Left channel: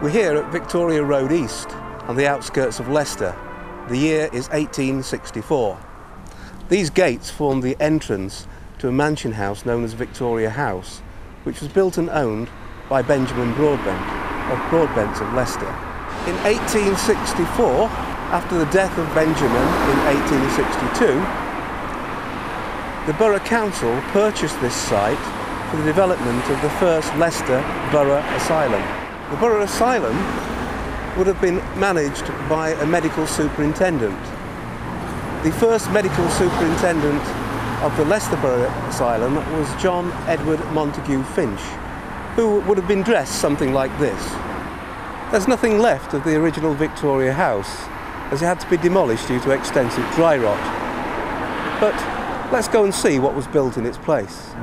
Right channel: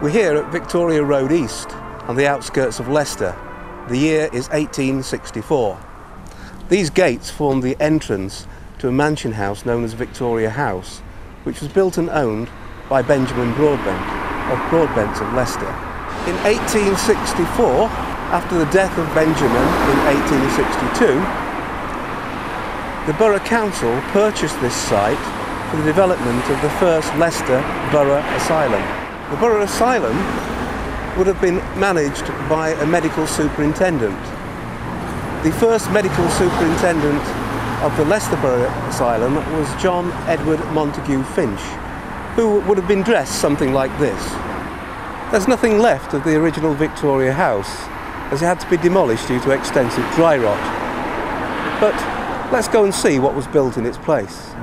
We're here at Victoria Road East, on the outskirts of Leicester. The year is 1864. These gates form the entrance to a mansion house known as Victoria House, which was built and owned by Benjamin Broadbent of Leicester. In 1864, after the death of Benjamin in 1862, the Borough Council purchased this site for the development of the first Leicester Borough Asylum. The Borough Asylum would have been managed by a medical superintendent. The first medical superintendent of the Leicester Borough Asylum was John Edward Montague Finch, who would have been dressed something like this. There's nothing left of the original Victoria House, as it had to be demolished due to extensive dry rot. But let's go and see what was built in its place.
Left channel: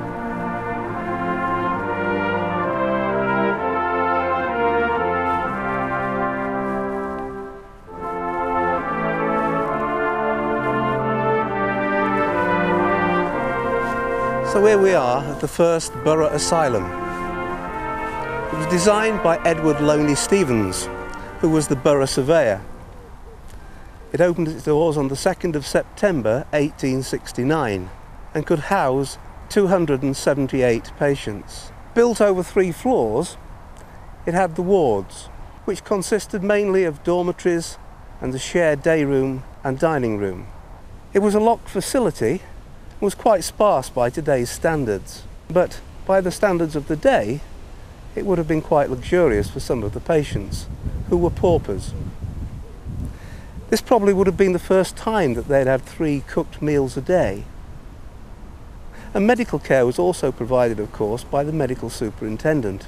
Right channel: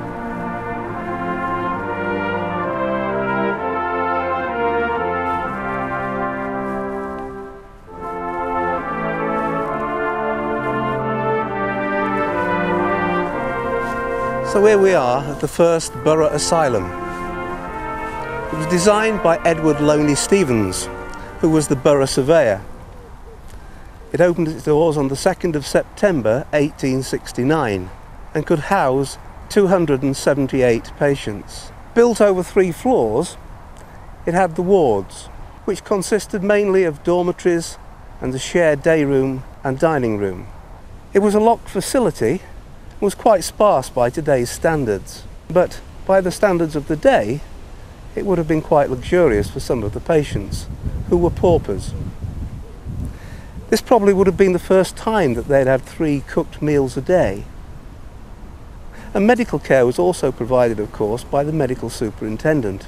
So here we are at the first Borough Asylum. It was designed by Edward Loney Stevens, who was the Borough Surveyor. It opened its doors on the 2nd of September 1869 and could house 278 patients. Built over 3 floors, it had the wards, which consisted mainly of dormitories and a shared day room and dining room. It was a locked facility. Was quite sparse by today's standards, but by the standards of the day, it would have been quite luxurious for some of the patients, who were paupers. This probably would have been the first time that they'd had 3 cooked meals a day. And medical care was also provided, of course, by the medical superintendent.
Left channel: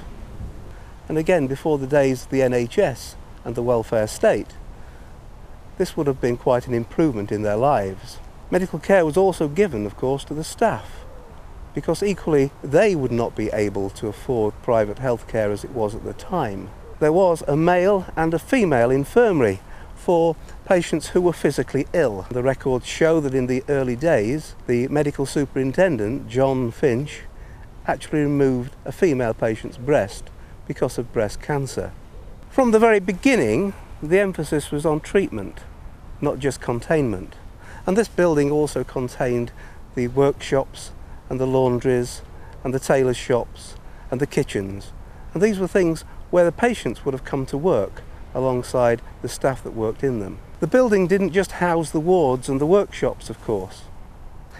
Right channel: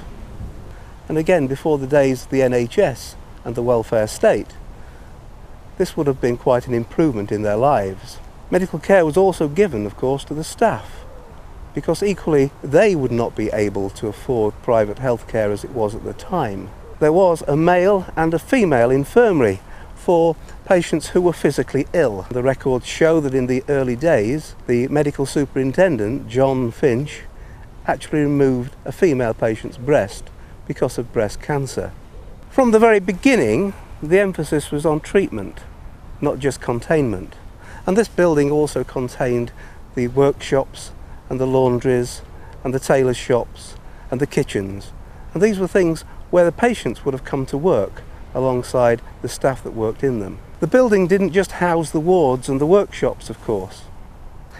And again, before the days of the NHS and the welfare state, this would have been quite an improvement in their lives. Medical care was also given, of course, to the staff, because equally they would not be able to afford private health care as it was at the time. There was a male and a female infirmary for patients who were physically ill. The records show that in the early days, the medical superintendent, John Finch, actually removed a female patient's breast because of breast cancer. From the very beginning, the emphasis was on treatment, not just containment. And this building also contained the workshops and the laundries and the tailors' shops and the kitchens. And these were things where the patients would have come to work alongside the staff that worked in them. The building didn't just house the wards and the workshops, of course.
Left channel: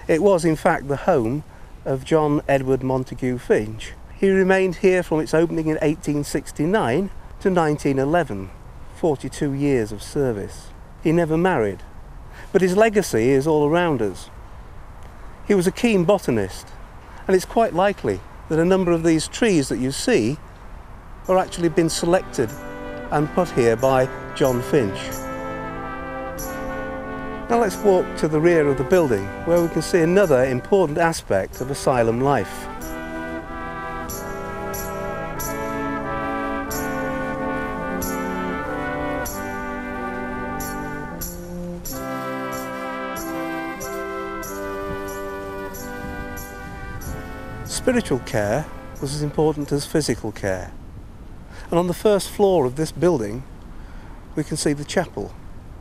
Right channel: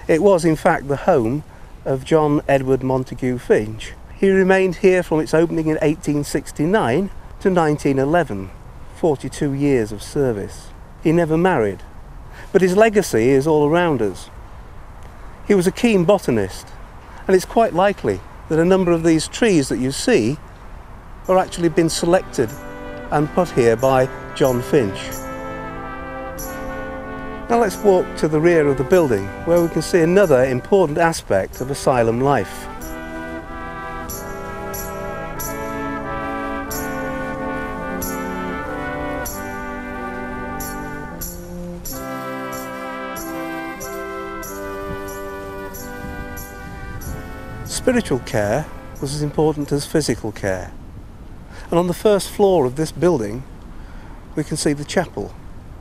It was, in fact, the home of John Edward Montague Finch. He remained here from its opening in 1869 to 1911, 42 years of service. He never married. But his legacy is all around us. He was a keen botanist, and it's quite likely that a number of these trees that you see are actually been selected and put here by John Finch. Now let's walk to the rear of the building, where we can see another important aspect of asylum life. Spiritual care was as important as physical care. And on the first floor of this building, we can see the chapel,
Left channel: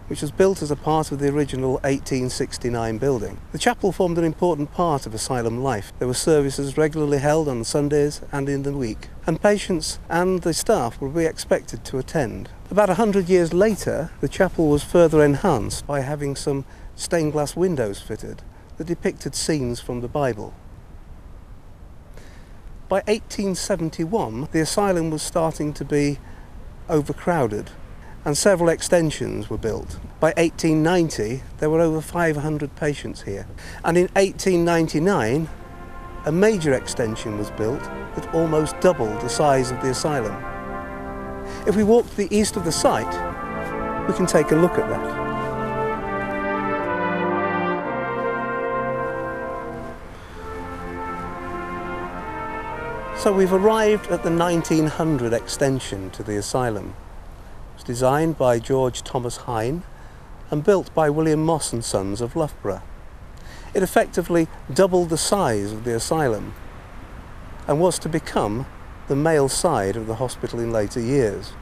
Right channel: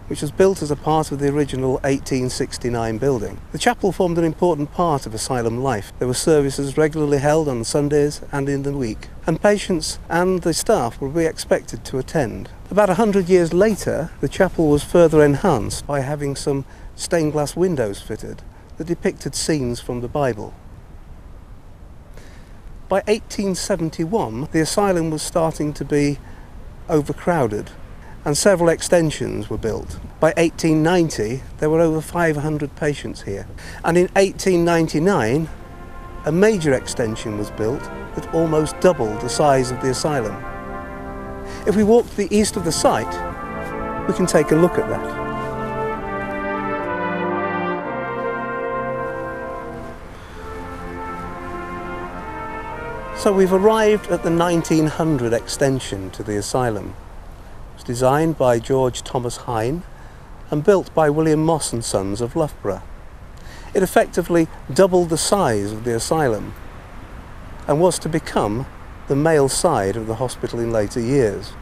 which was built as a part of the original 1869 building. The chapel formed an important part of asylum life. There were services regularly held on Sundays and in the week, and patients and the staff would be expected to attend. About 100 years later, the chapel was further enhanced by having some stained glass windows fitted that depicted scenes from the Bible. By 1871, the asylum was starting to be overcrowded and several extensions were built. By 1890, there were over 500 patients here. And in 1899, a major extension was built that almost doubled the size of the asylum. If we walk to the east of the site, we can take a look at that. So we've arrived at the 1900 extension to the asylum. It was designed by George Thomas Hine and built by William Moss and Sons of Loughborough. It effectively doubled the size of the asylum and was to become the male side of the hospital in later years.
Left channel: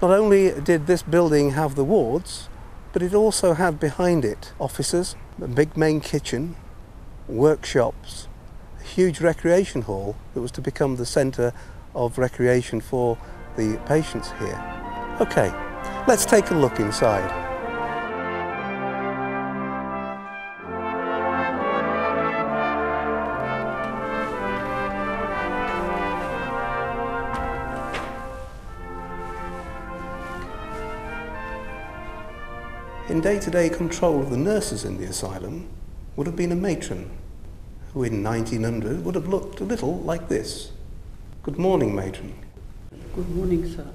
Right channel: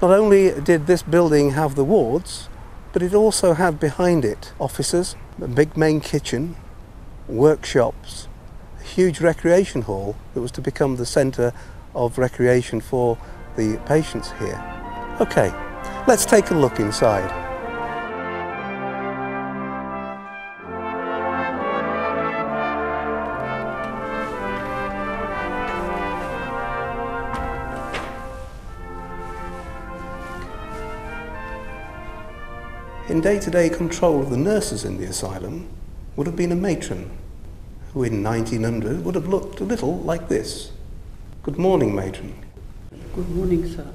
Not only did this building have the wards, but it also had behind it offices, a big main kitchen, workshops, a huge recreation hall that was to become the centre of recreation for the patients here. Okay, let's take a look inside. In day-to-day control of the nurses in the asylum would have been a matron, who in 1900 would have looked a little like this. Good morning, matron. Good morning, sir.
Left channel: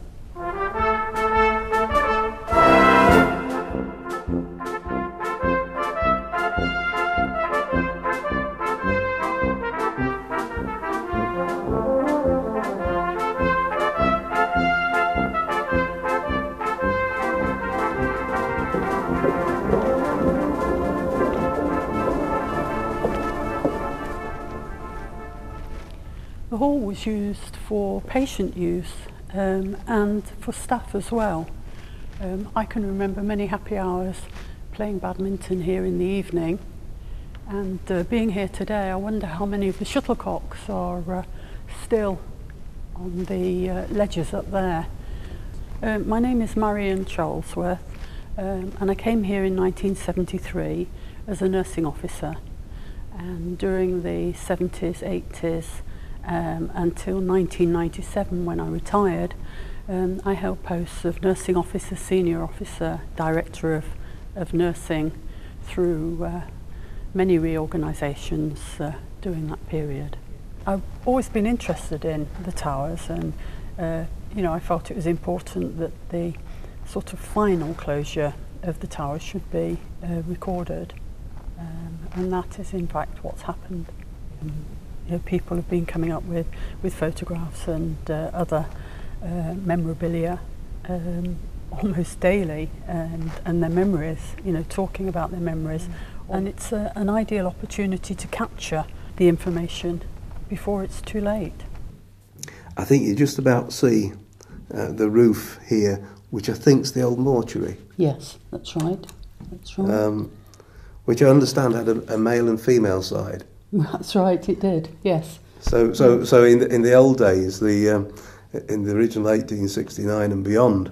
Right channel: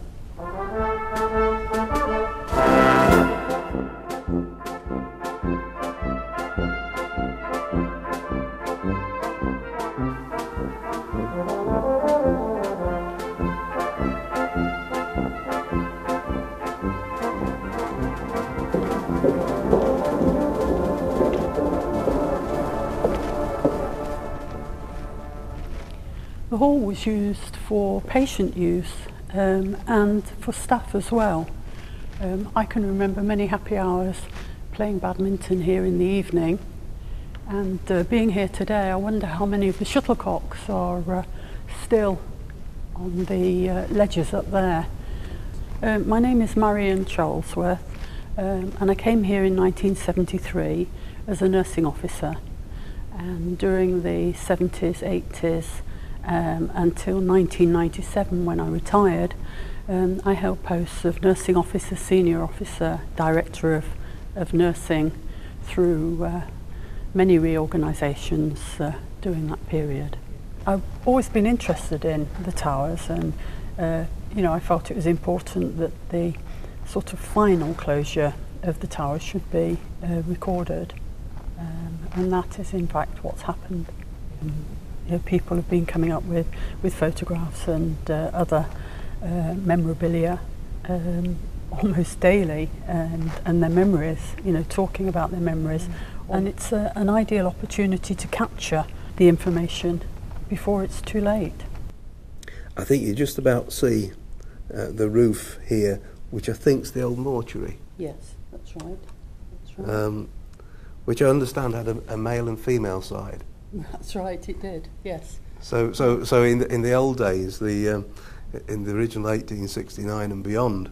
The hall was used for patient use and for staff as well. I can remember many happy hours playing badminton here in the evening, and being here today, I wonder how many of the shuttlecocks are still on the ledges up there. My name is Marion Charlesworth, and I came here in 1973 as a nursing officer, and during the 70s, 80s, until 1997 when I retired, I held posts of nursing officer, senior officer, director of nursing through many reorganisations during that period. I've always been interested in the towers, and you know, I felt it was important that the sort of final closure of the towers should be recorded, and that is in fact what's happened. You know, people have been coming up with photographs and other memorabilia almost daily, and their memories, you know, talking about their memories. And it's an ideal opportunity to capture the information before it's too late. I think you just about see the roof here, which I think's the old mortuary. Yes, that's right. That's right. Which I understand had a male and female side. That's right, it did, yes. So in the old days, in the original 1869 and beyond,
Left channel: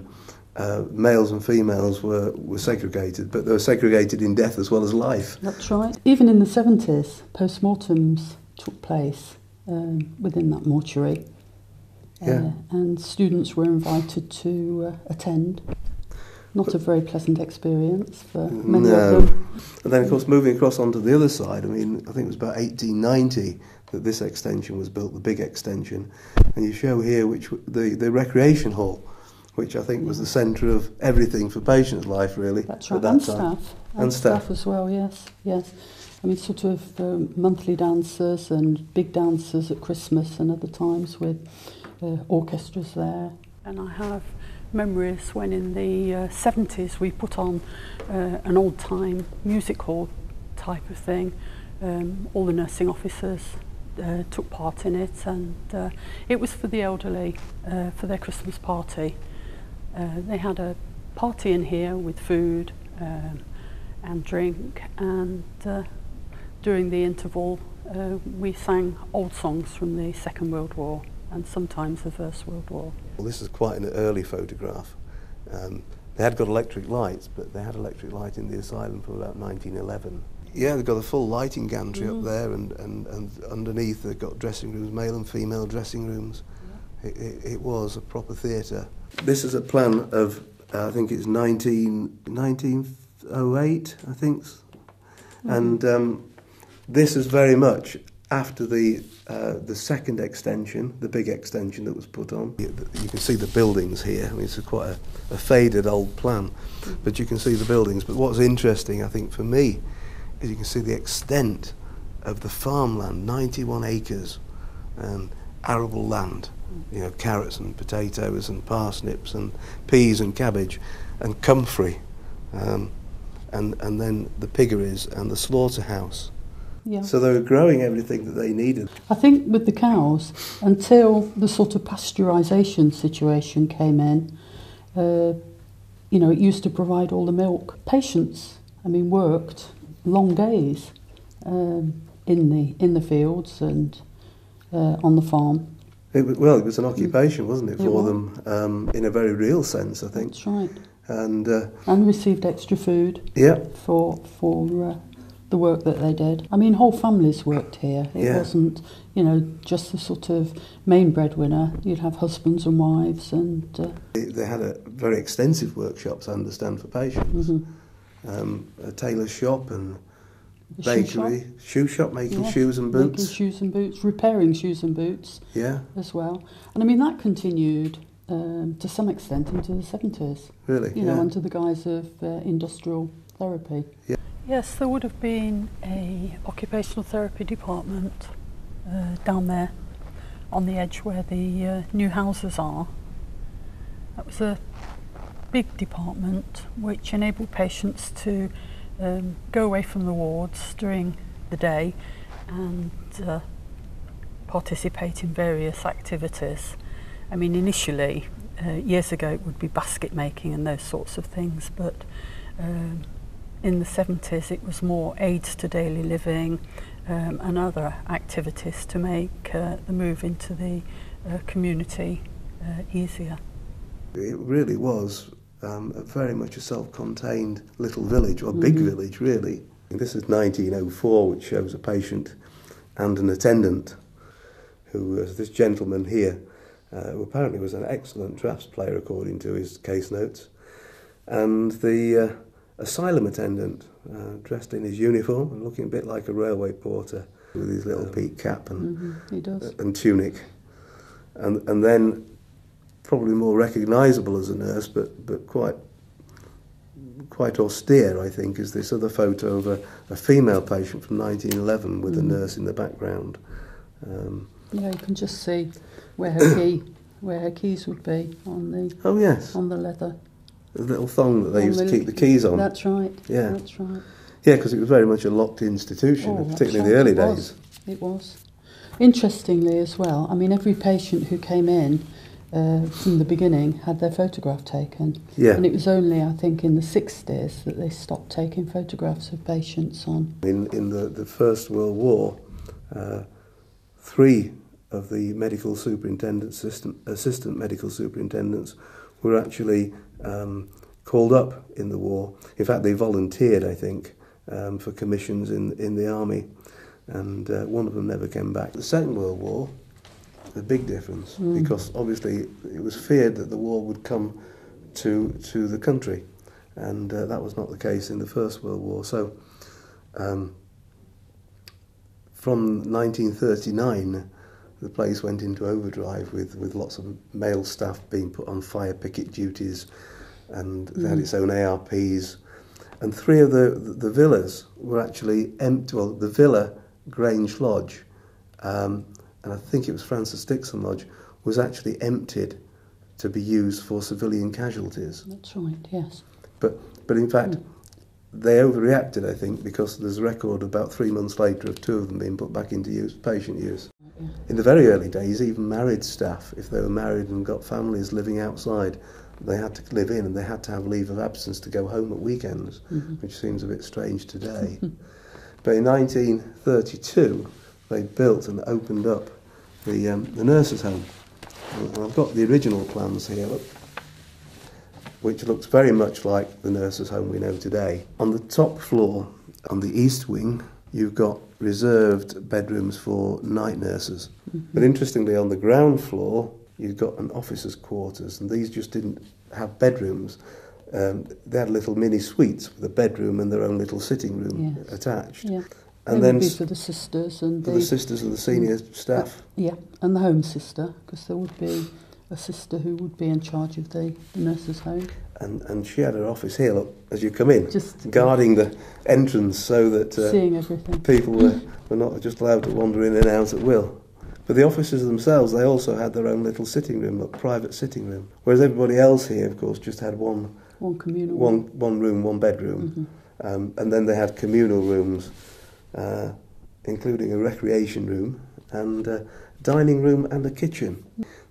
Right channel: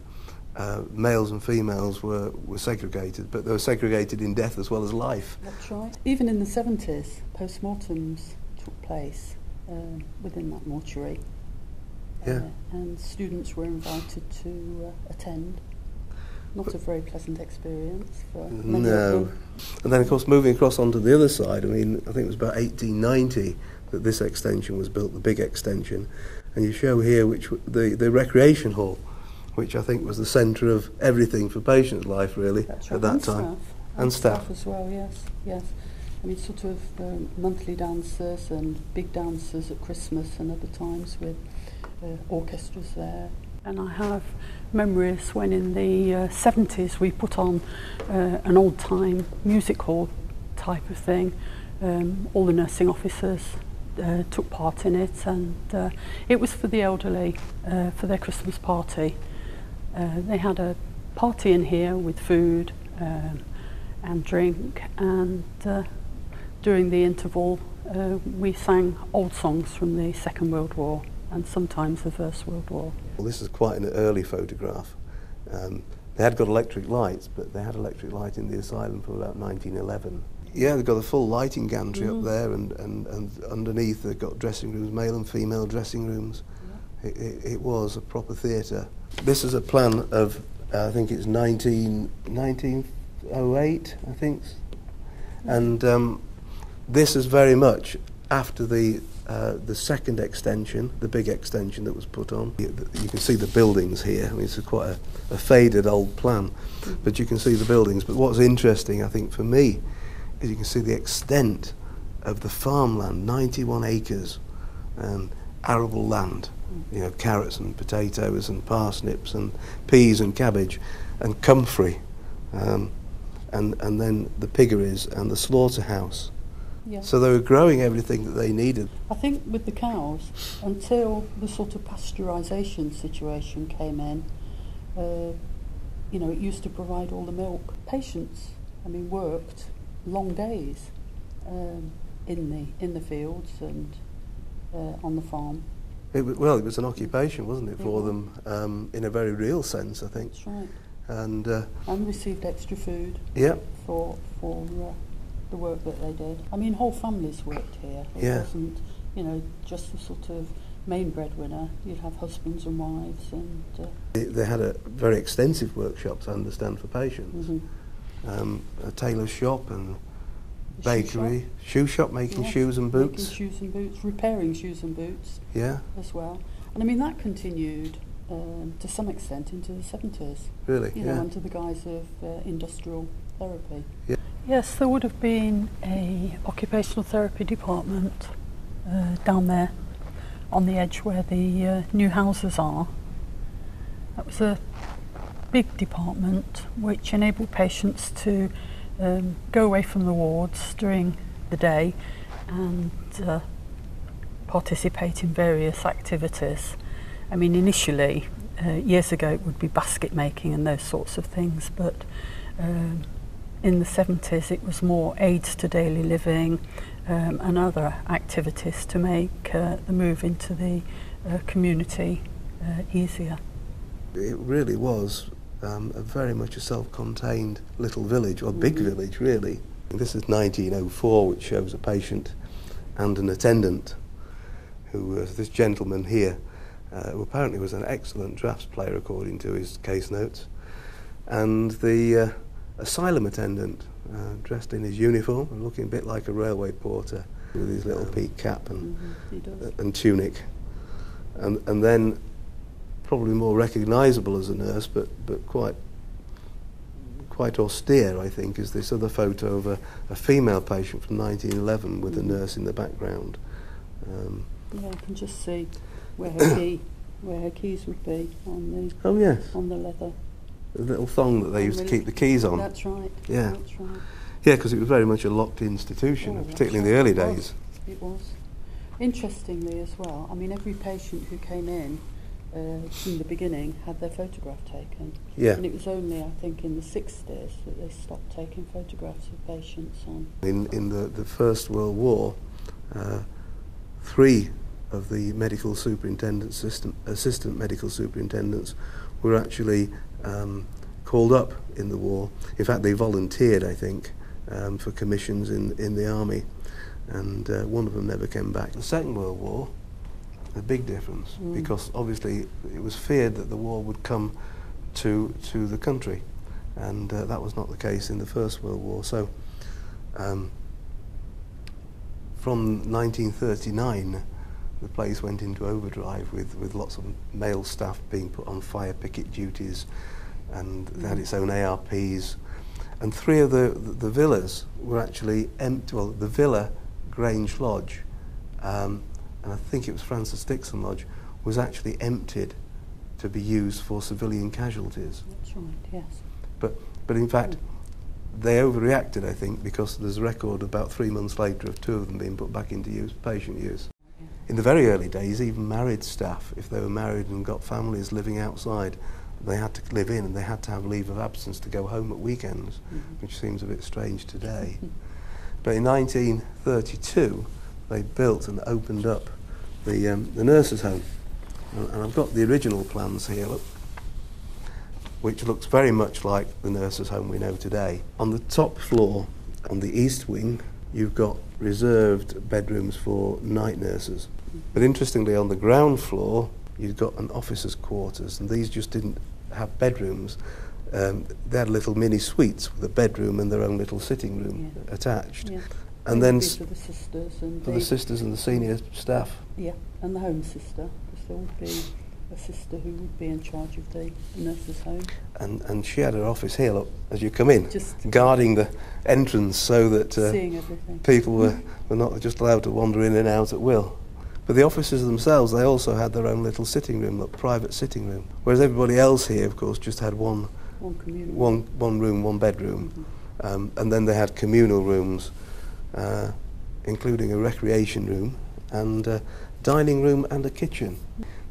males and females were segregated, but they were segregated in death as well as life. That's right. Even in the 70s, post-mortems took place within that mortuary, and students were invited to attend. Not a very pleasant experience for many of them. And then, of course, moving across onto the other side, I mean, I think it was about 1890 that this extension was built, the big extension. And you show here the recreation hall, which I think was the centre of everything for patients' life, really, That's right. at that and time. Staff. And staff as well, yes, yes. I mean, sort of monthly dancers and big dancers at Christmas and other times with orchestras there. And I have memories when in the 70s we put on an old-time music hall type of thing. All the nursing officers took part in it, and it was for the elderly, for their Christmas party. They had a party in here with food and drink, and during the interval we sang old songs from the Second World War and sometimes the First World War. Well, this is quite an early photograph. They had got electric lights, but they had electric light in the asylum from about 1911. Yeah, they've got a full lighting gantry up there, and underneath they've got dressing rooms, male and female dressing rooms. Yeah. It was a proper theatre. This is a plan of, I think it's 1908, I think. And this is very much after the second extension, the big extension that was put on. You can see the buildings here. I mean, it's quite a faded old plan, but you can see the buildings. But what's interesting, I think, for me, is you can see the extent of the farmland, 91 acres, arable land. You know, carrots and potatoes and parsnips and peas and cabbage and comfrey, and then the piggeries and the slaughterhouse. Yeah. So they were growing everything that they needed. I think with the cows, until the sort of pasteurisation situation came in, You know, it used to provide all the milk. Patients, I mean, worked long days in the fields and on the farm. It was an occupation, wasn't it, for them, in a very real sense, I think. That's right. And received extra food. Yeah. For the work that they did. I mean, whole families worked here. It wasn't, you know, just the sort of main breadwinner. You'd have husbands and wives, and they had a very extensive workshops, I understand, for patients. A tailor shop and bakery, shoe shop making shoes and boots. Making shoes and boots, repairing shoes and boots. Yeah. As well, and I mean that continued to some extent into the 70s. Really? You know, under the guise of industrial therapy. Yeah. Yes, there would have been a occupational therapy department down there on the edge where the new houses are. That was a big department which enabled patients to go away from the wards during the day and participate in various activities. I mean, initially, years ago, it would be basket making and those sorts of things, but in the 70s it was more aids to daily living and other activities to make the move into the community easier. It really was very much a self-contained little village, or big village really. And this is 1904, which shows a patient and an attendant, who was this gentleman here, who apparently was an excellent draughts player according to his case notes, and the asylum attendant, dressed in his uniform and looking a bit like a railway porter with his little peak cap and tunic, and then probably more recognisable as a nurse, but quite austere, I think, is this other photo of a female patient from 1911 with a nurse in the background. Yeah, you can just see where her keys would be on the on the leather. The little thong that they used to keep the keys on. That's right. Yeah. That's right. Yeah, because it was very much a locked institution, particularly in the early days. It was. Interestingly as well, I mean, every patient who came in from the beginning had their photograph taken. Yeah. And it was only, I think, in the 60s that they stopped taking photographs of patients on. In the First World War, 3 of the medical superintendents, assistant medical superintendents, were actually called up in the war. In fact, they volunteered, I think, for commissions in the army, and one of them never came back. The Second World War, a big difference, because obviously it was feared that the war would come to the country, and that was not the case in the First World War. So from 1939, the place went into overdrive with lots of male staff being put on fire picket duties, and they had its own ARPs, and 3 of the villas were actually empty. Well, the villa Grange Lodge, and I think it was Francis Dixon Lodge, was actually emptied to be used for civilian casualties. That's right, yes. But in fact, they overreacted, I think, because there's a record about 3 months later of 2 of them being put back into use, patient use. Yeah. In the very early days, even married staff, if they were married and got families living outside, they had to live in and they had to have leave of absence to go home at weekends, which seems a bit strange today. But in 1932, they built and opened up the nurses' home. And I've got the original plans here, which looks very much like the nurses' home we know today. On the top floor, on the east wing, you've got reserved bedrooms for night nurses. But interestingly, on the ground floor, you've got an officer's quarters, and these just didn't have bedrooms. They had little mini suites with a bedroom and their own little sitting room attached. Yeah. And then for the sisters and the sisters and the senior staff. Yeah, and the home sister, because there would be a sister who would be in charge of the nurses' home. And she had her office here, look, as you come in, just guarding the entrance so that seeing everything. People were not just allowed to wander in and out at will. But the officers themselves, they also had their own little sitting room, a private sitting room. Whereas everybody else here, of course, just had one room, one bedroom. And then they had communal rooms, including a recreation room and a dining room and a kitchen.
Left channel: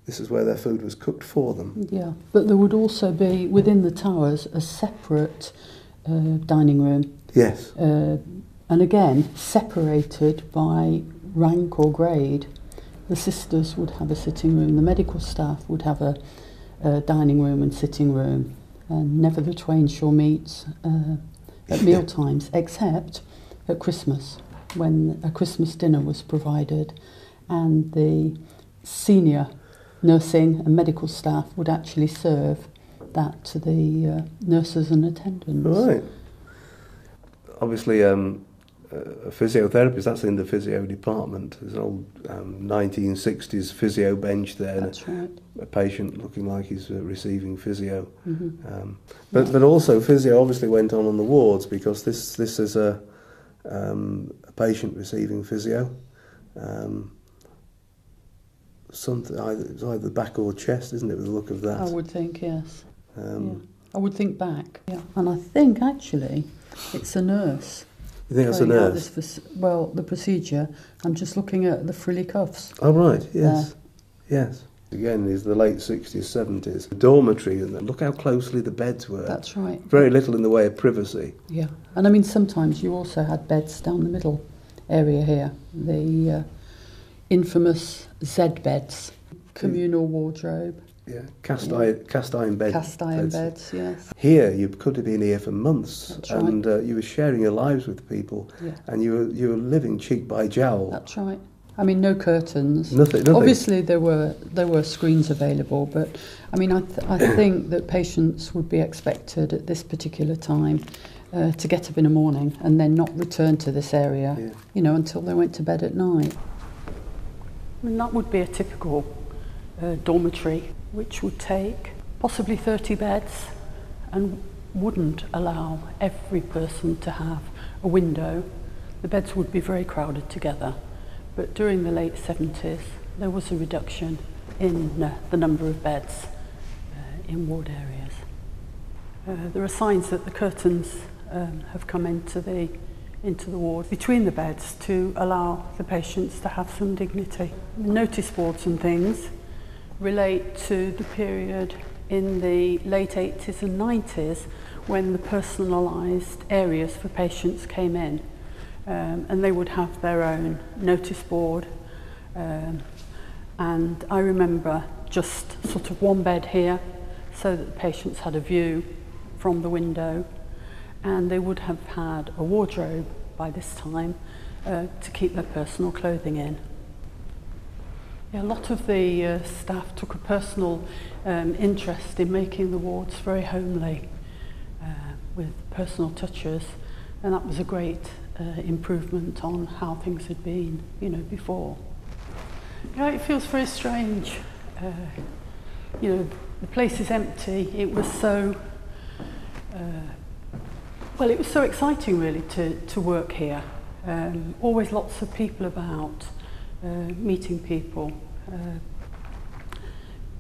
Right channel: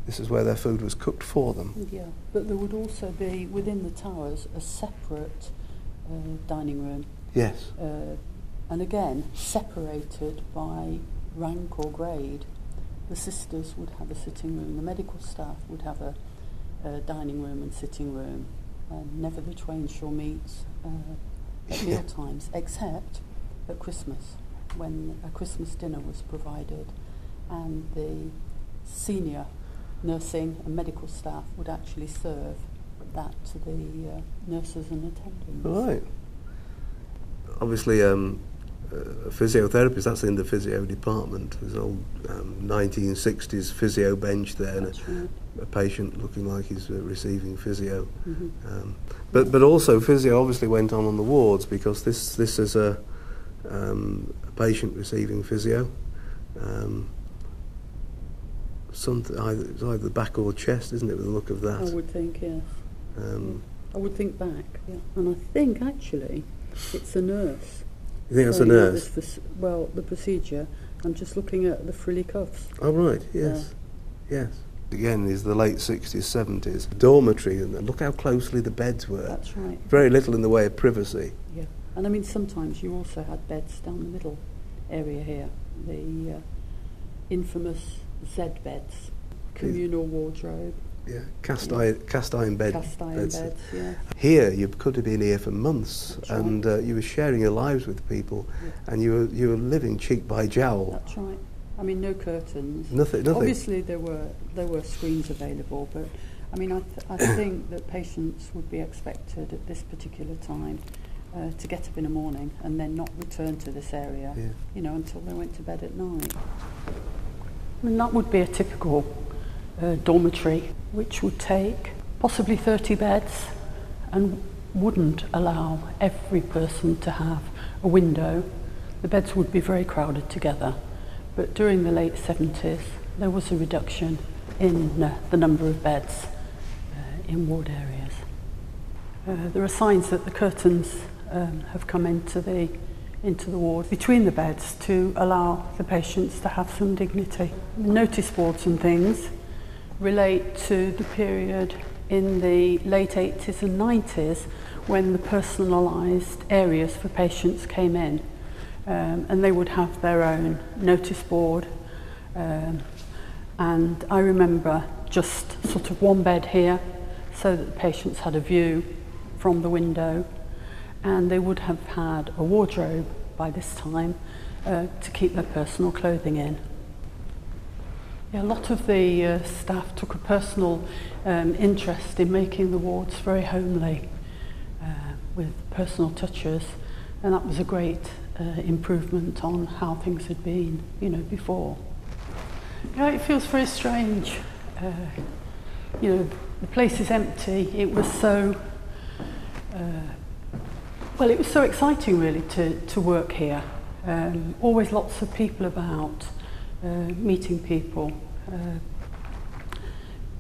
This is where their food was cooked for them. Yeah, but there would also be, within the towers, a separate dining room. Yes. And again, separated by rank or grade. The sisters would have a sitting room, the medical staff would have a dining room and sitting room, and never the twain shall meet at meal times, except at Christmas, when a Christmas dinner was provided, and the senior nursing and medical staff would actually serve that to the nurses and attendants. Right. Obviously, physiotherapists, that's in the physio department. There's an old 1960s physio bench there. That's right. A patient looking like he's receiving physio. Mm-hmm. But also physio obviously went on the wards, because this is a patient receiving physio. Something it's either the back or chest, isn't it, with the look of that? I would think, yes. I would think back. Yeah. And I think actually it's a nurse. You think it's a nurse? Well, the procedure, I'm just looking at the frilly cuffs. Oh, right, yes. Yes. Again, is the late 60s, 70s. Dormitory, and look how closely the beds were. That's right. Very little in the way of privacy. Yeah. And I mean, sometimes you also had beds down the middle area here. The infamous Z beds, communal wardrobe. Yeah, cast iron beds. Cast iron beds, yes. Here, you could have been here for months. That's and right. You were sharing your lives with people, yeah. and you were living cheek by jowl. That's right. I mean, no curtains. Nothing. Obviously, there were screens available, but I mean, I think that patients would be expected at this particular time to get up in the morning and then not return to this area, until they went to bed at night. I mean, that would be a typical dormitory, which would take possibly 30 beds and wouldn't allow every person to have a window. The beds would be very crowded together. But during the late 70s, there was a reduction in the number of beds in ward areas. There are signs that the curtains have come into the ward between the beds to allow the patients to have some dignity. Notice boards and things relate to the period in the late 80s and 90s when the personalised areas for patients came in. And they would have their own notice board, and I remember just sort of one bed here so that the patients had a view from the window, and they would have had a wardrobe by this time to keep their personal clothing in. Yeah, a lot of the staff took a personal interest in making the wards very homely with personal touches, and that was a great improvement on how things had been, before. It feels very strange. The place is empty. It was so, it was so exciting really to work here. Always lots of people about, meeting people,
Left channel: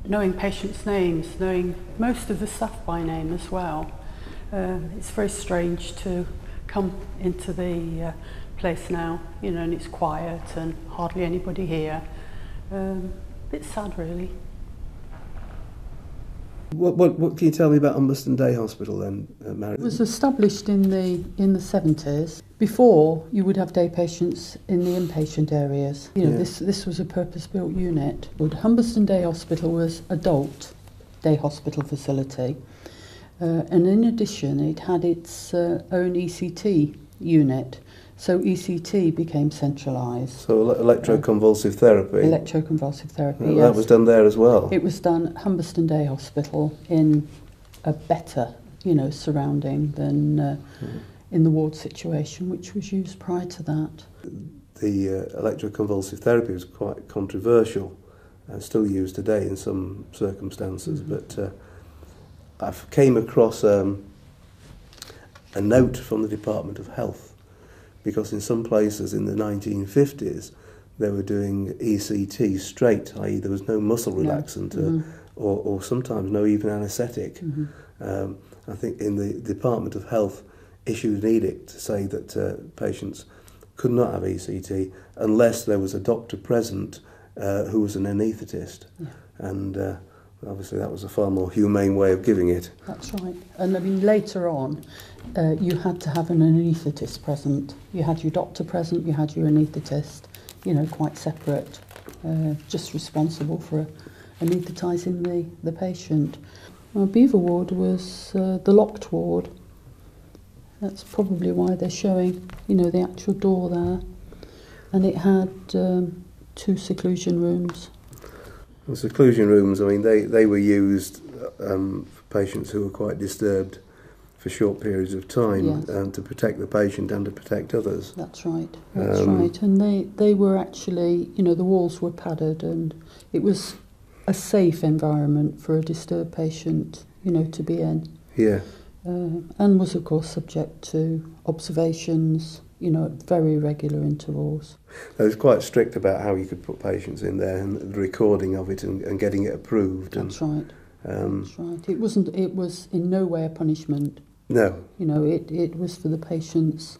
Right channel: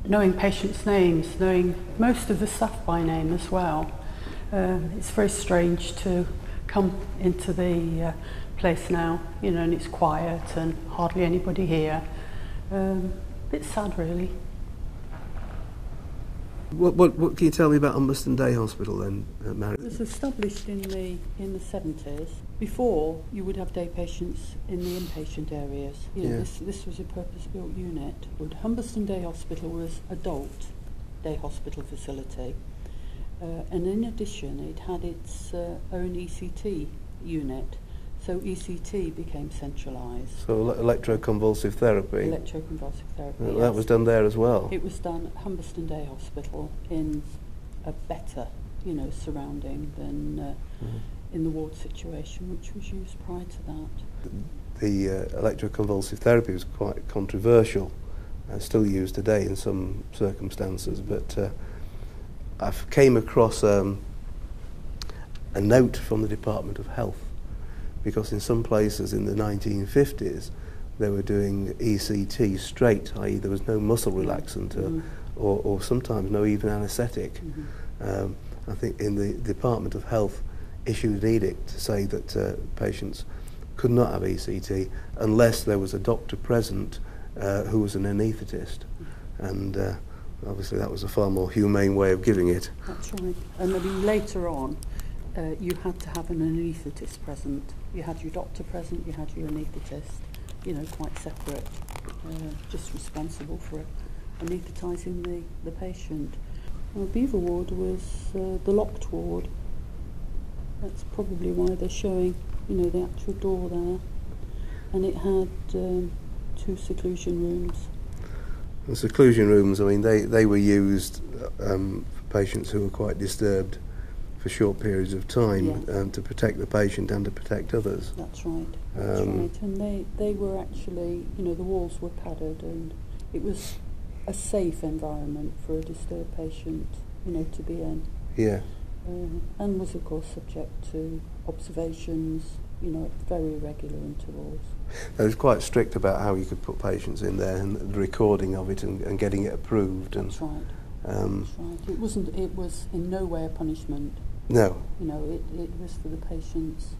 knowing patients' names, knowing most of the staff by name as well. It's very strange to come into the place now, and it's quiet and hardly anybody here. Bit sad, really. What can you tell me about Humberston Day Hospital then, Mary? It was established in the 70s. Before, you would have day patients in the inpatient areas. This was a purpose-built unit. Humberston Day Hospital was adult day hospital facility. And in addition, it had its own ECT unit. So ECT became centralised. So electroconvulsive therapy? Electroconvulsive therapy, yes. That was done there as well? It was done at Humberston Day Hospital in a better, surrounding than in the ward situation, which was used prior to that. The electroconvulsive therapy was quite controversial, still used today in some circumstances, but I came across a note from the Department of Health, because in some places in the 1950s they were doing ECT straight, i.e. there was no muscle relaxant or sometimes no even anaesthetic. I think in the Department of Health issued an edict to say that patients could not have ECT unless there was a doctor present who was an anaesthetist. and obviously that was a far more humane way of giving it. That's right. And I mean, later on, you had to have an anaesthetist present. You had your doctor present, you had your anaesthetist, you know, quite separate, just responsible for anaesthetising the patient. Our Beaver ward was the locked ward. That's probably why they're showing, you know, the actual door there. And it had 2 seclusion rooms. The seclusion rooms, I mean, they were used for patients who were quite disturbed for short periods of time, Yes. to protect the patient and to protect others. That's right, that's right. And they were actually, you know, the walls were padded, and it was a safe environment for a disturbed patient, you know, to be in. Yeah. And was, of course, subject to observations, you know, at very regular intervals. It was quite strict about how you could put patients in there, and the recording of it and getting it approved. That's right. That's right. It was in no way a punishment. No. You know, it was for the patient's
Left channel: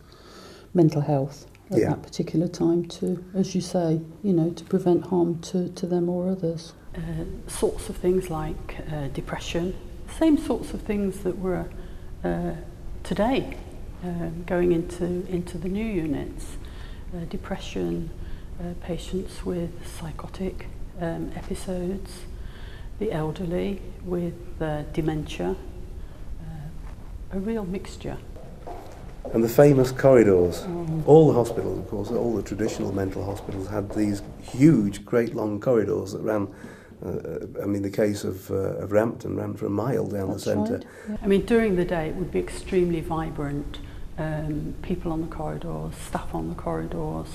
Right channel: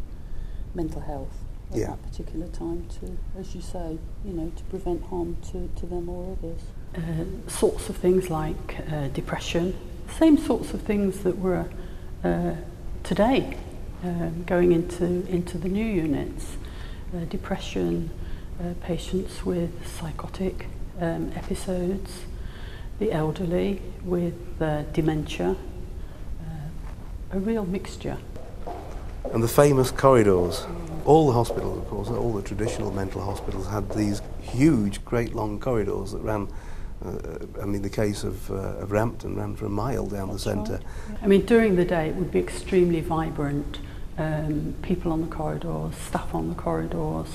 mental health at that particular time to, as you say, you know, to prevent harm to them or others. Sorts of things like depression, same sorts of things that were today going into the new units. Depression, patients with psychotic episodes, the elderly with dementia, a real mixture. And the famous corridors. All the hospitals, of course, all the traditional mental hospitals had these huge, great long corridors that ran, I mean, the case of Rampton ran for a mile down the centre. Right. I mean, during the day it would be extremely vibrant, people on the corridors, staff on the corridors.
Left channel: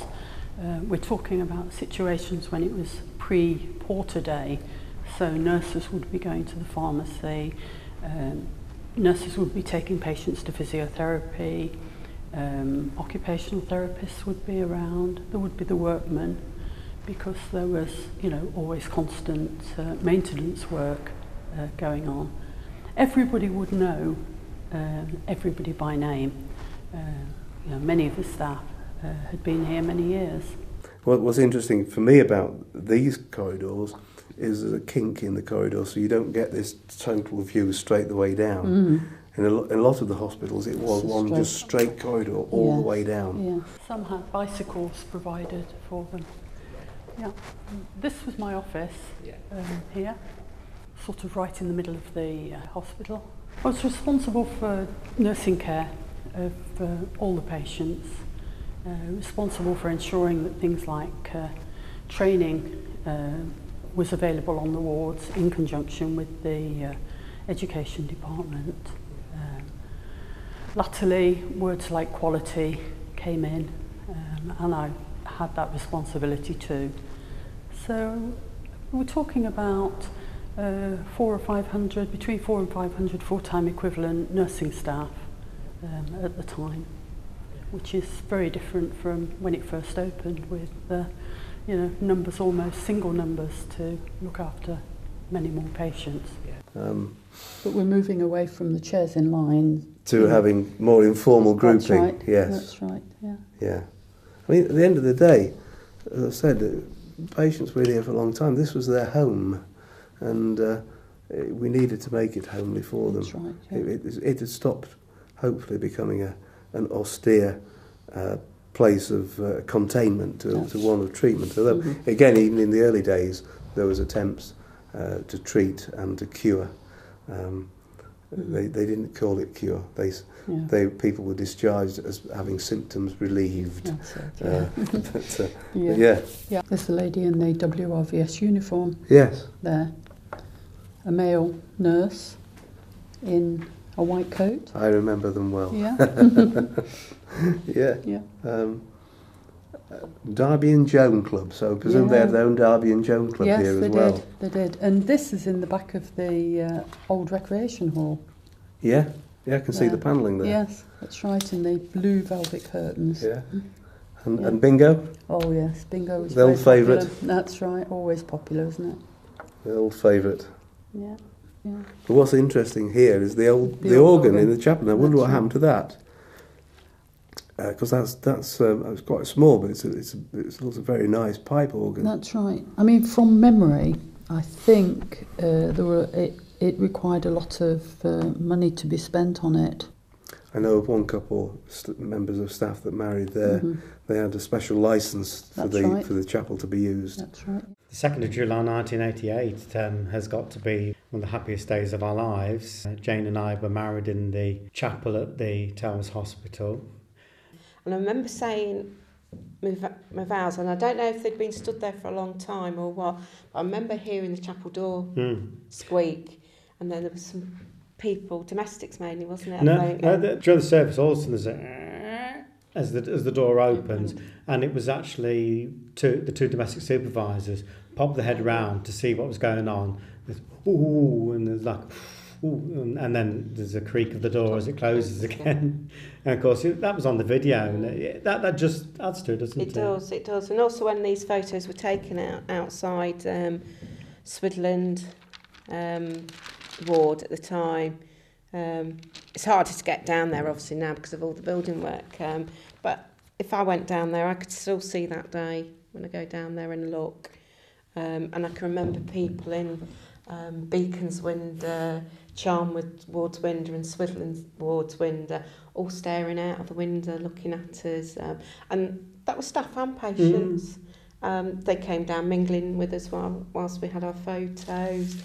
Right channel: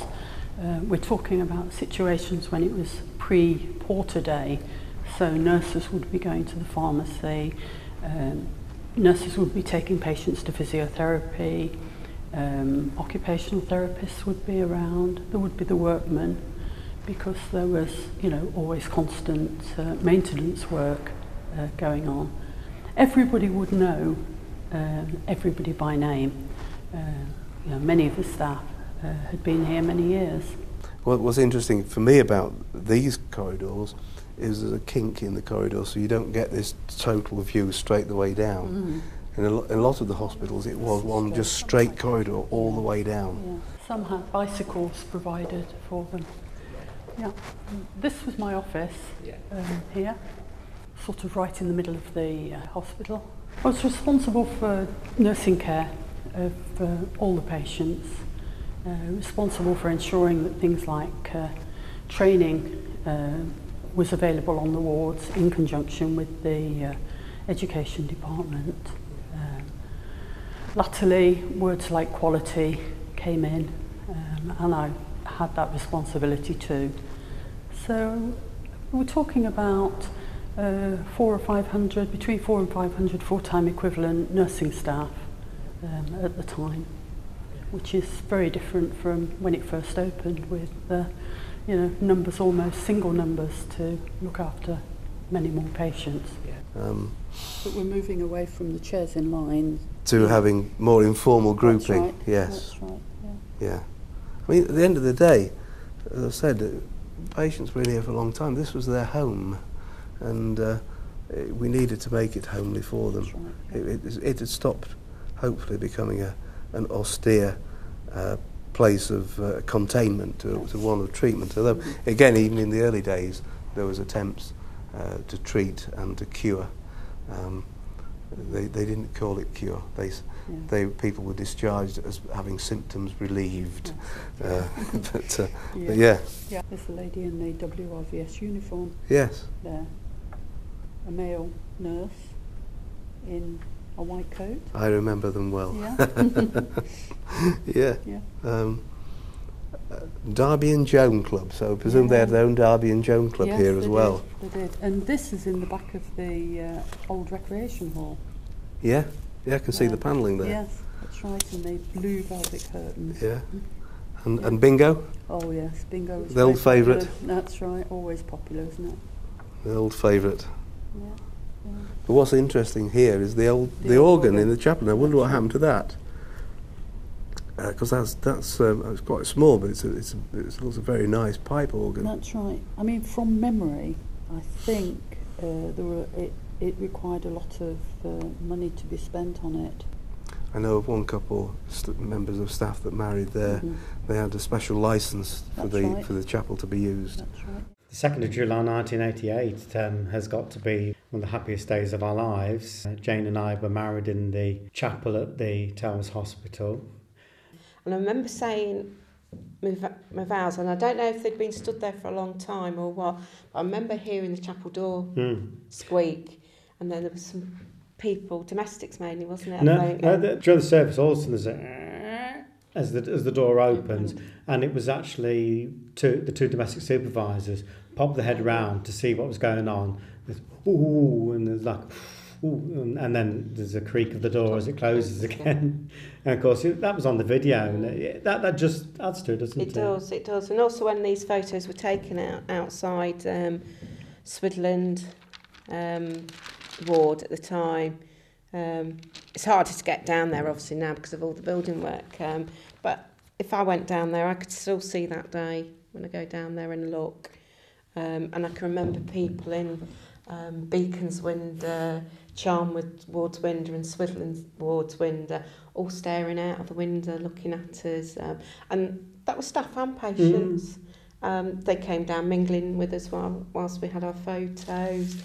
We're talking about situations when it was pre-Porter Day, so nurses would be going to the pharmacy, nurses would be taking patients to physiotherapy, occupational therapists would be around, there would be the workmen, because there was, you know, always constant maintenance work going on. Everybody would know everybody by name. You know, many of the staff had been here many years. What's interesting for me about these corridors is there's a kink in the corridor, so you don't get this total view straight the way down. In a lot of the hospitals it was one just straight corridor all the way down. Yeah. Some had bicycles provided for them. Yeah. This was my office here, sort of right in the middle of the hospital. I was responsible for nursing care of all the patients, responsible for ensuring that things like training was available on the wards in conjunction with the education department. Latterly, words like quality came in, and I had that responsibility too. So we're talking about 400 or 500, between 400 and 500 full-time equivalent nursing staff at the time, which is very different from when it first opened, with you know, numbers, almost single numbers, to look after many more patients. But we're moving away from the chairs in line to having more informal grouping. That's right. Yes. That's right. Yeah. Yeah. I mean, at the end of the day, as I said, patients were here for a long time. This was their home, and we needed to make it homely for them. That's right. Yeah. It had stopped, hopefully, becoming an austere place of containment to one of treatment. Although, again, even in the early days, there was attempts to treat and to cure. They didn't call it cure. People were discharged as having symptoms relieved. But yeah. There's a lady in the WRVS uniform. Yes. There, a male nurse in a white coat. I remember them well. Yeah. Yeah. Derby and Joan Club, so I presume they had their own Derby and Joan Club here as well. Yes, they did. And this is in the back of the old recreation hall. Yeah, I can see the panelling there. Yes, that's right, and the blue velvet curtains. Yeah. And bingo? Oh yes, bingo was the old favourite. That's right, always popular, isn't it? The old favourite. Yeah. But what's interesting here is the organ in the chapel. I wonder what happened to that. Because it's quite small, but it's a very nice pipe organ. That's right. I mean, from memory, I think it required a lot of money to be spent on it. I know of one couple, members of staff that married there. They had a special licence for the chapel to be used. That's right. The 2nd of July 1988 has got to be one of the happiest days of our lives. Jane and I were married in the chapel at the Towers Hospital. And I remember saying my vows, and I don't know if they'd been stood there for a long time or what, but I remember hearing the chapel door squeak, and then there was some people, domestics mainly, wasn't it? During the service, all of a sudden there's a as the door opens, and it was actually the two domestic supervisors popped their head round to see what was going on. There's, ooh, and there's like, ooh, and then there's a creak of the door as it closes again. And of course, that was on the video, and that just adds to it, doesn't it? It does. And also when these photos were taken outside Swidland ward at the time, it's harder to get down there obviously now because of all the building work, but if I went down there I could still see that day when I go down there and look, and I can remember people in Beacon's Window, Charnwood Ward's window and Swidland Ward's window all staring out of the window looking at us, and that was staff and patients. They came down mingling with us whilst we had our photos.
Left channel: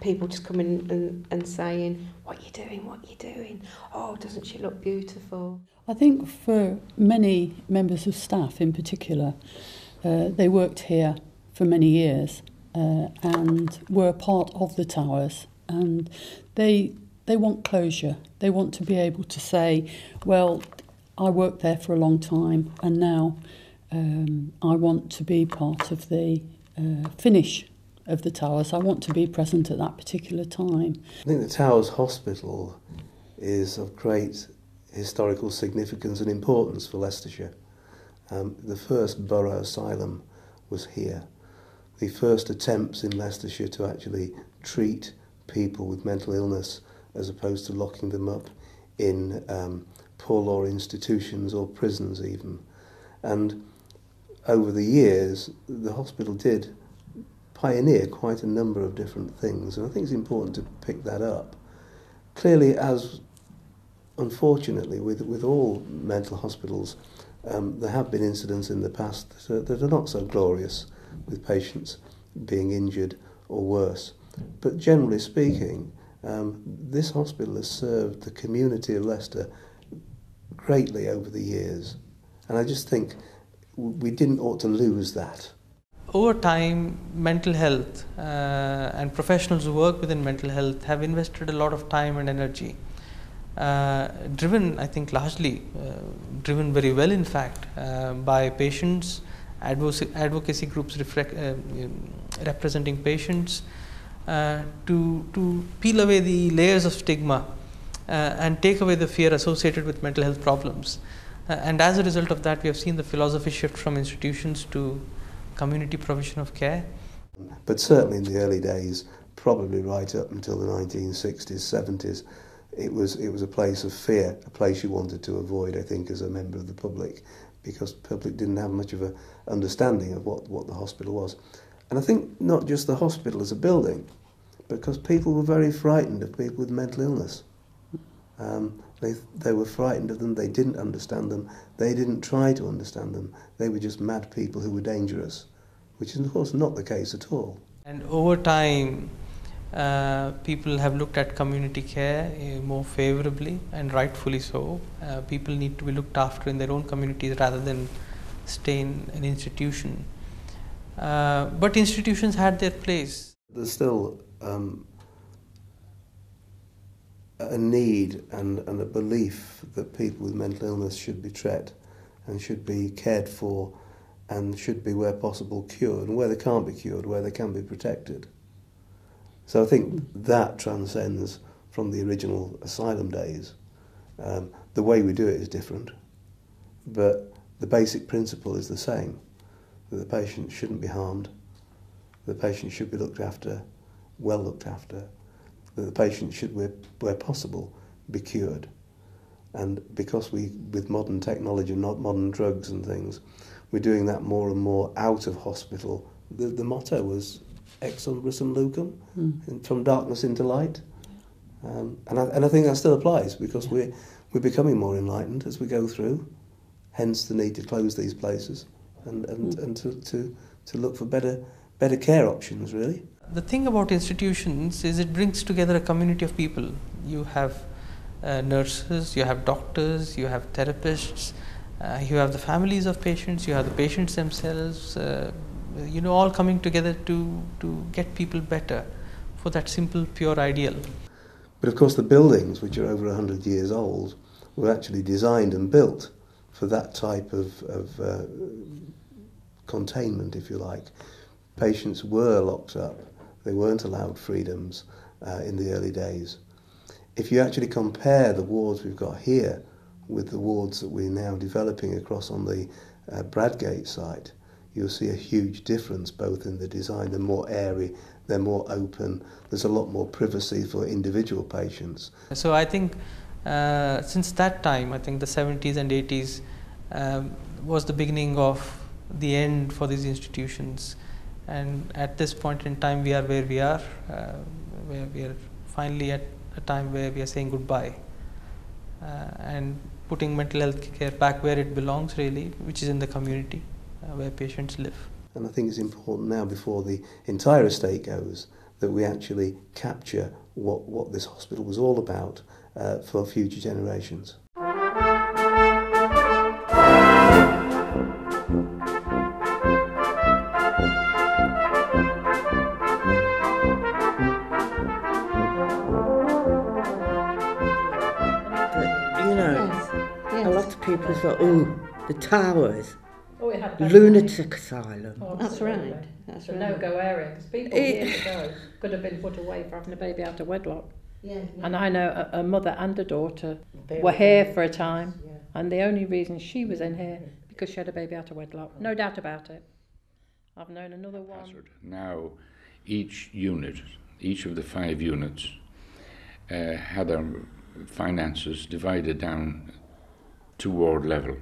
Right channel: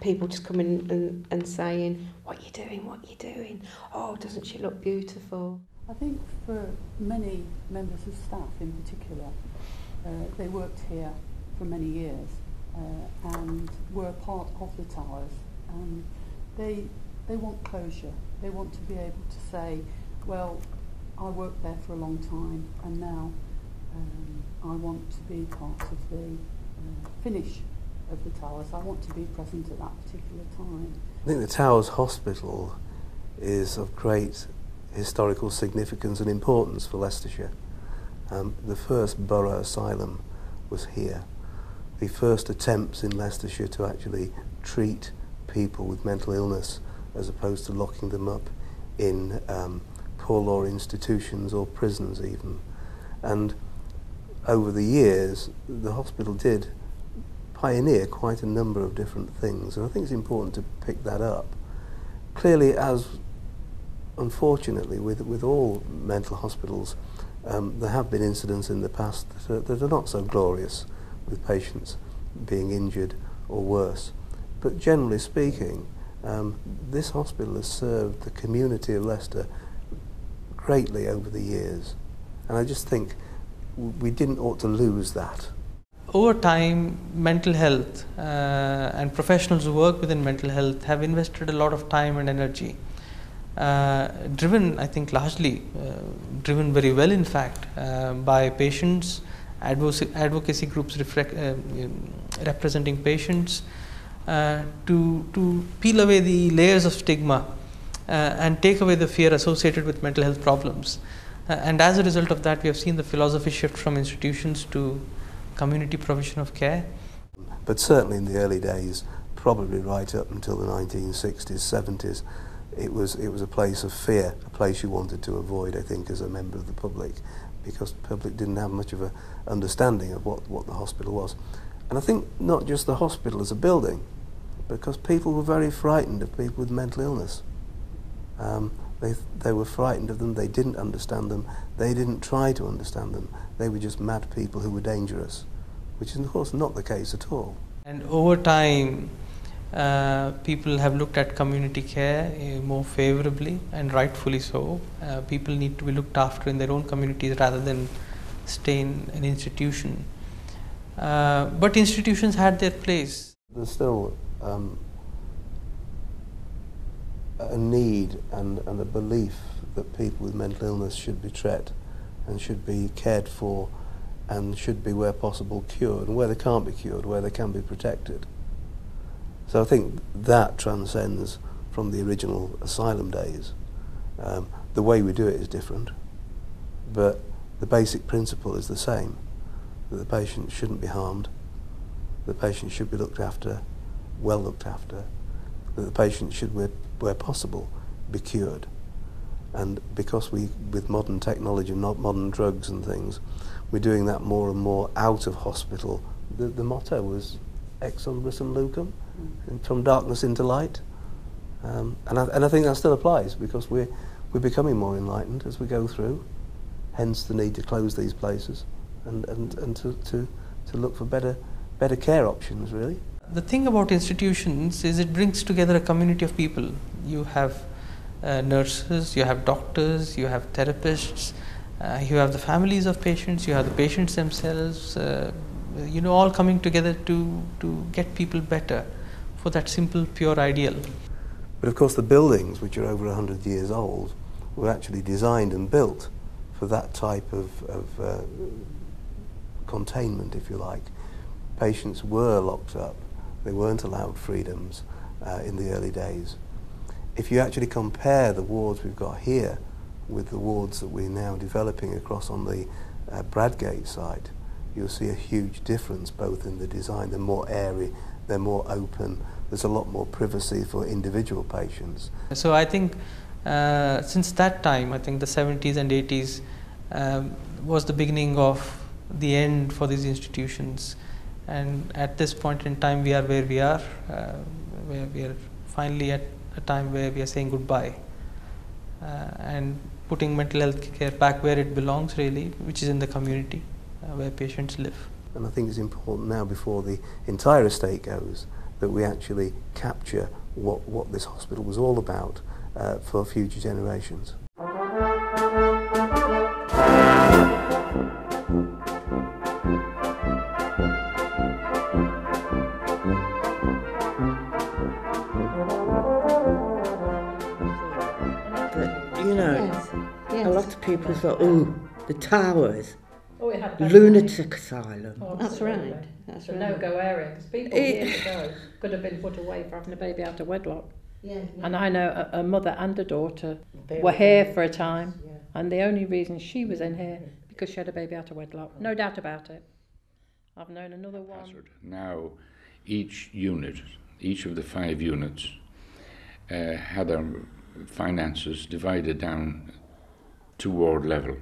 People just coming and saying, what are you doing? Oh, doesn't she look beautiful? I think for many members of staff in particular, they worked here for many years and were part of the Towers, and they want closure. They want to be able to say, well, I worked there for a long time and now I want to be part of the finish of the Towers. I want to be present at that particular time. I think the Towers Hospital is of great historical significance and importance for Leicestershire. The first borough asylum was here. The first attempts in Leicestershire to actually treat people with mental illness as opposed to locking them up in poor law institutions or prisons even. And over the years, the hospital did pioneer quite a number of different things, and I think it's important to pick that up. Clearly, as unfortunately with all mental hospitals, there have been incidents in the past that are not so glorious, with patients being injured or worse. But generally speaking, this hospital has served the community of Leicester greatly over the years, and I just think we didn't ought to lose that. Over time, mental health and professionals who work within mental health have invested a lot of time and energy, driven, I think, largely driven very well, in fact, by patients, advocacy groups representing patients, to peel away the layers of stigma and take away the fear associated with mental health problems. And as a result of that, we have seen the philosophy shift from institutions to community provision of care. But certainly in the early days, probably right up until the 1960s, 70s, it was a place of fear, a place you wanted to avoid, I think, as a member of the public, because the public didn't have much of an understanding of what the hospital was. And I think not just the hospital as a building, because people were very frightened of people with mental illness. They were frightened of them, they didn't understand them, they didn't try to understand them. They were just mad people who were dangerous, which is of course not the case at all. And over time, people have looked at community care more favourably, and rightfully so. People need to be looked after in their own communities rather than stay in an institution. But institutions had their place. There's still a need and a belief that people with mental illness should be treated and should be cared for and should be, where possible, cured, and where they can't be cured, where they can be protected. So I think that transcends from the original asylum days. The way we do it is different, but the basic principle is the same, that the patient shouldn't be harmed, the patient should be looked after, well looked after, that the patient should, where possible, be cured. And because with modern technology, not modern drugs and things, we're doing that more and more out of hospital. The motto was ex umbris and lucum, and from darkness into light. And I think that still applies, because we're becoming more enlightened as we go through, hence the need to close these places and to look for better care options, really. The thing about institutions is it brings together a community of people. You have nurses, you have doctors, you have therapists, you have the families of patients, you have the patients themselves, all coming together to get people better for that simple, pure ideal. But of course the buildings, which are over 100 years old, were actually designed and built for that type of containment, if you like. Patients were locked up, they weren't allowed freedoms in the early days. If you actually compare the wards we've got here with the wards that we're now developing across on the Bradgate site, you'll see a huge difference both in the design. They're more airy, they're more open, there's a lot more privacy for individual patients. So I think since that time, I think the 70s and 80s was the beginning of the end for these institutions. And at this point in time, we are where we are, where we are finally at a time where we are saying goodbye and putting mental health care back where it belongs, really, which is in the community where patients live. And I think it's important now, before the entire estate goes, that we actually capture what this hospital was all about for future generations. A lot of people thought, oh, the towers, lunatic asylum. Oh, that's right. That's a no-go area, because people years ago could have been put away for having a baby out of wedlock. Yeah. And I know a mother and a daughter were here for a time, and the only reason she was in here because she had a baby out of wedlock. No doubt about it. I've known another one. Now, each unit, each of the 5 units, had their finances divided down to ward level,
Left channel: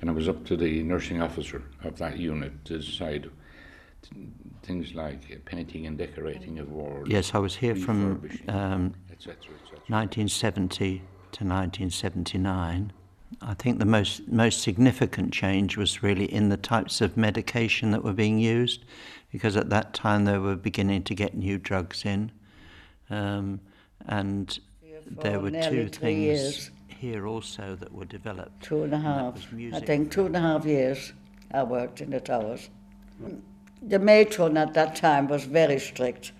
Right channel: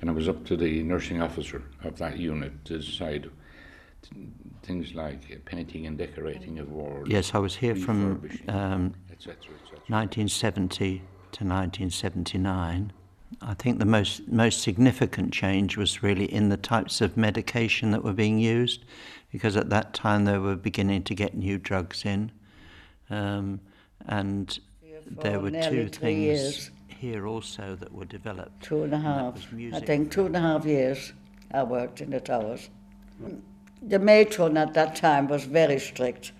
and it was up to the nursing officer of that unit to decide things like painting and decorating of wards. Yes, I was here from etc. 1970 to 1979. I think the most significant change was really in the types of medication that were being used, because at that time they were beginning to get new drugs in, and there were 2 things here also that were developed. 2.5. I think 2.5 years I worked in the towers. The matron at that time was very strict.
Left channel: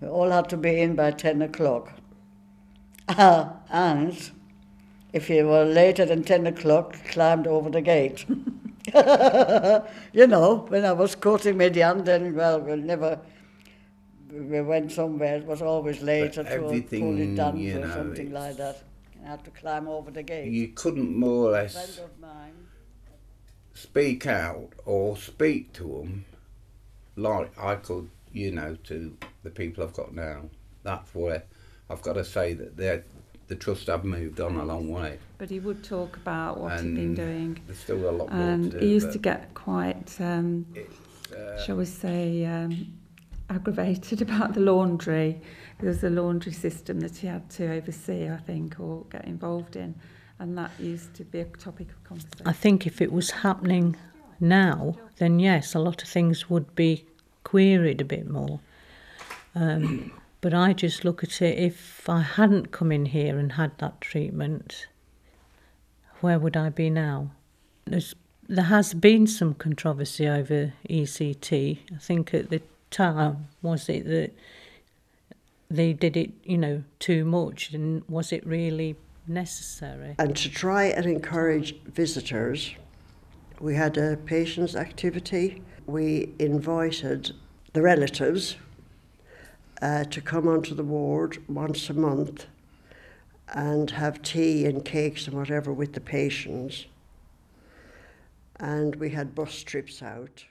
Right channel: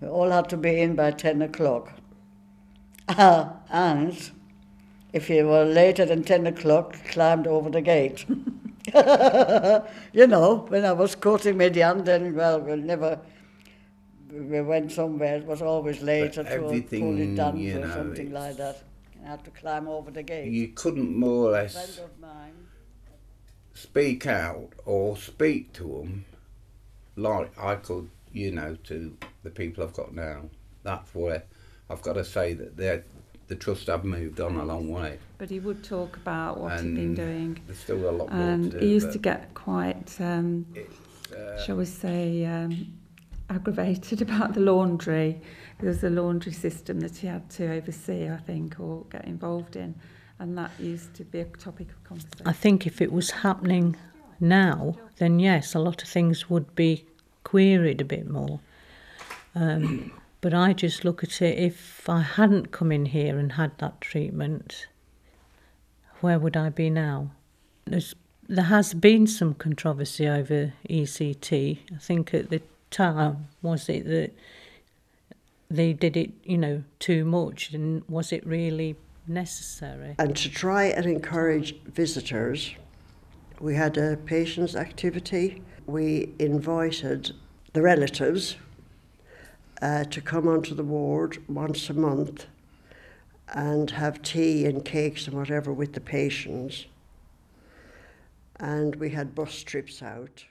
We all had to be in by 10 o'clock. And if you were later than 10 o'clock, climbed over the gate. When I was courting Median, then, well, we went somewhere, it was always later to pull it down or something like that. I had to climb over the gate. You couldn't more or less speak out or speak to them like I could, to the people I've got now. That's where I've got to say that the trust have moved on a long way. But he would talk about what he'd been doing. There's still a lot more and to do. He used to get quite, shall we say, aggravated about the laundry. There was a laundry system that he had to oversee, I think, or get involved in, and that used to be a topic of conversation. I think if it was happening now, then yes, a lot of things would be queried a bit more. But I just look at it, if I hadn't come in here and had that treatment, where would I be now? There has been some controversy over ECT. I think at the time, was it that they did it, too much, and was it really necessary? And to try and encourage visitors, we had a patients' activity. We invited the relatives to come onto the ward once a month and have tea and cakes and whatever with the patients. And we had bus trips out.